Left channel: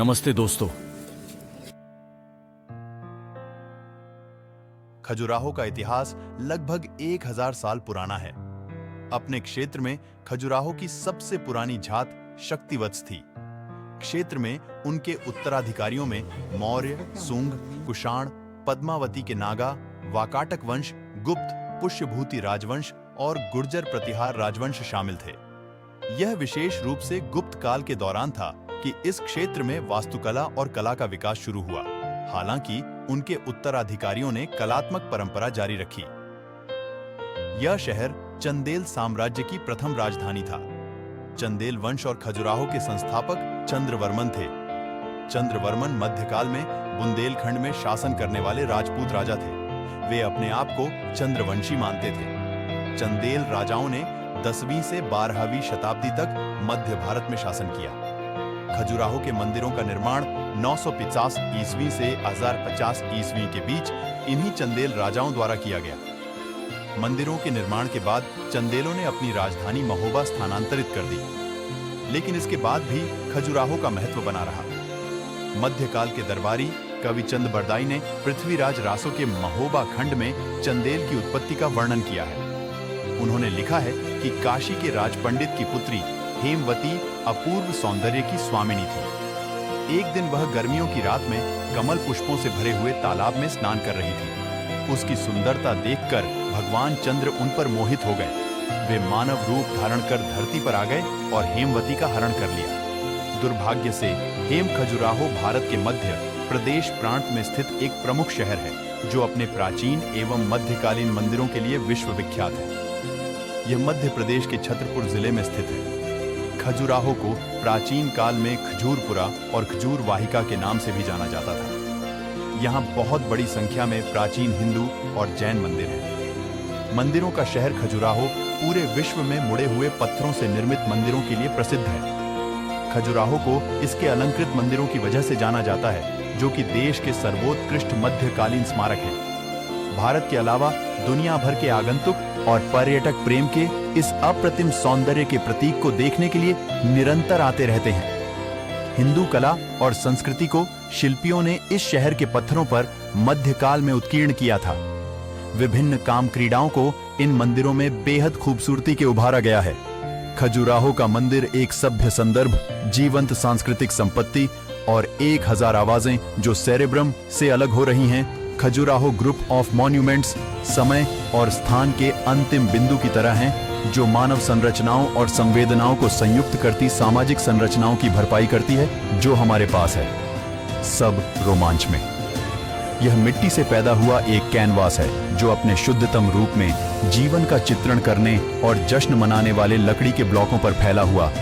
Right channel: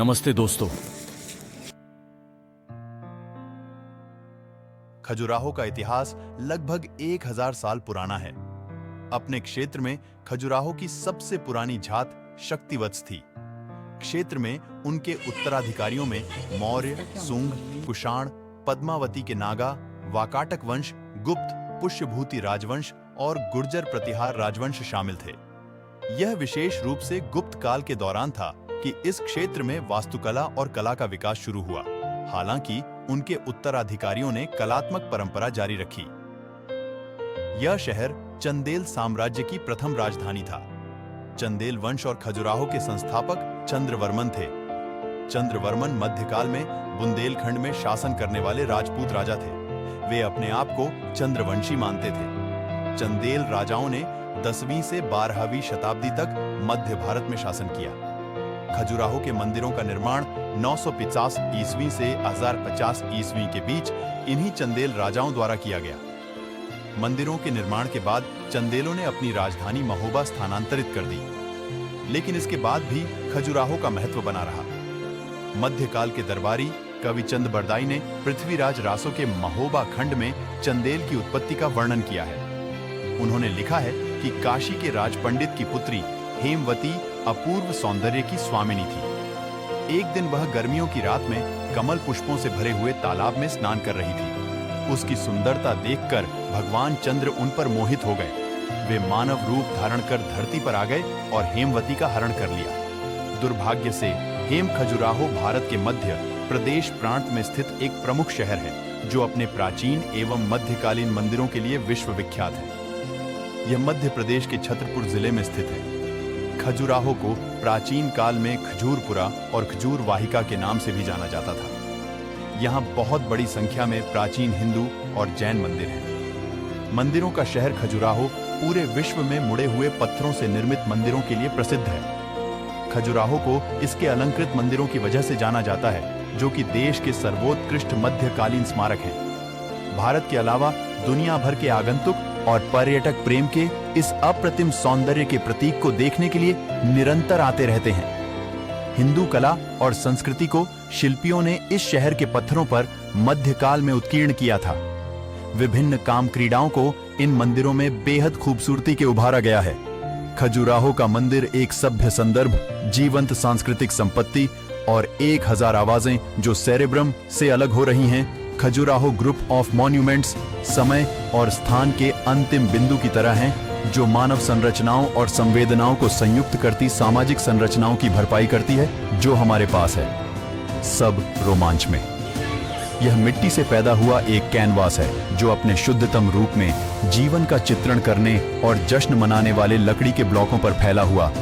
नमस्ते दोस्तों। खजुराहो का इतिहास लगभग 1000 साल पुराना है। अपने क्षेत्र में खजुराहो की सबसे पुरानी जात शक्तिवत्स थी। क्षेत्र में उनके उत्तराधिकारियों में मौर्य, सुंग, कुषाण, पद्मावती के नागा, वाकाटक वंश, गुप्त, पुष्यभूति राजवंश और गुर्जर प्रतिहार राजवंश शामिल थे। यह विशेष रूप से गुप्त काल के दौरान था कि इस क्षेत्र में वास्तुकला और कला का विकास शुरू हुआ। हालांकि उनके उत्तराधिकारियों ने कलात्मक परंपरा जारी रखी। यह शहर चंदेल साम्राज्य की प्रथम राजधानी था। चंदेल वंश और खजुराहो के संस्थापक चंद्रवर्मन थे। चंद्रवर्मन मध्यकाल में बुंदेलखंड में शासन करने वाले राजपूत राजा थे। वे अपने आप को चंद्रवंशी मानते थे। चंदेल राजाओं ने 10वीं से 12वीं शताब्दी तक मध्य भारत में शासन किया। खजुराहो के मंदिरों का निर्माण 950 ईस्वी से 1050 ईस्वी के बीच इन्हीं चंदेल राजाओं द्वारा किया गया। मंदिरों के निर्माण के बाद चंदेलों ने अपनी राजधानी महोबा स्थानांतरित कर दी, लेकिन इसके बाद भी खजुराहो का महत्व बना रहा। मध्यकाल के दरबारी कवि चंद बरदाई ने पृथ्वीराज रासो के महोबा खंड में चंदेल की उत्पत्ति का वर्णन किया है। उन्होंने लिखा है कि काशी के राजपंडित की पुत्री हेमवती अपूर्व सौंदर्य की स्वामिनी थी। एक दिन वह गर्मियों की रात में कमल पुष्पों से भरे हुए तालाब में स्नान कर रही थी। उसकी सुंदरता देखकर भगवान चंद्र उन पर मोहित हो गए। वे मानव रूप धारण कर धरती पर आ गए और हेमवती का हरण कर लिया। दुर्भाग्य से हेम खजुराहो भारत के मध्य प्रदेश प्रांत में स्थित एक प्रमुख शहर है, जो अपने प्राचीन एवं मध्यकालीन मंदिरों के लिए विश्व विख्यात है। यह मध्य प्रदेश के छतरपुर जिले में स्थित है। खजुराहो को प्राचीन काल में खजूरपुरा और खजूर वाहिका के नाम से भी जाना जाता था। यहाँ बहुत बड़ी संख्या में प्राचीन हिंदू और जैन मंदिर हैं। मंदिरों का शहर खजुराहो पूरे विश्व में मुड़े हुए पत्थरों से निर्मित मंदिरों के लिए प्रसिद्ध है। खजुराहो को इसके अलंकृत मंदिरों की वजह से जाना जाता है, जो कि देश के सर्वोत्कृष्ट मध्यकालीन स्मारक हैं। भारत के अलावा दुनिया भर के आगंतुक और पर्यटक प्रेम के इस अप्रतिम सौंदर्य के प्रतीक को देखने के लिए निरंतर आते रहते हैं। हिंदू कला और संस्कृति को शिल्पियों ने इस शहर के पत्थरों पर मध्यकाल में उत्कीर्ण किया था। विभिन्न काम क्रीडाओं को इन मंदिरों में बेहद खूबसूरती के उभारा गया है। खजुराहो का मंदिर एक सभ्य संदर्भ, जीवंत सांस्कृतिक संपत्ति और 1000 आवाजें जो सेरेब्रम से अलग हो रही हैं, खजुराहो ग्रुप ऑफ मॉन्यूमेंट्स समय और स्थान के अंतिम बिंदु की तरह हैं, जो मानव संरचनाओं और संवेदनाओं को संयुक्त करती सामाजिक संरचनाओं की भरपाई करती है, जो हमारे पास है। सब रोमांच में यह मिट्टी से पैदा हुआ एक कैनवास है, जो अपने शुद्धतम रूप में जीवन का चित्रण करने और जश्न मनाने वाले लकड़ी के ब्लॉकों पर फैला हुआ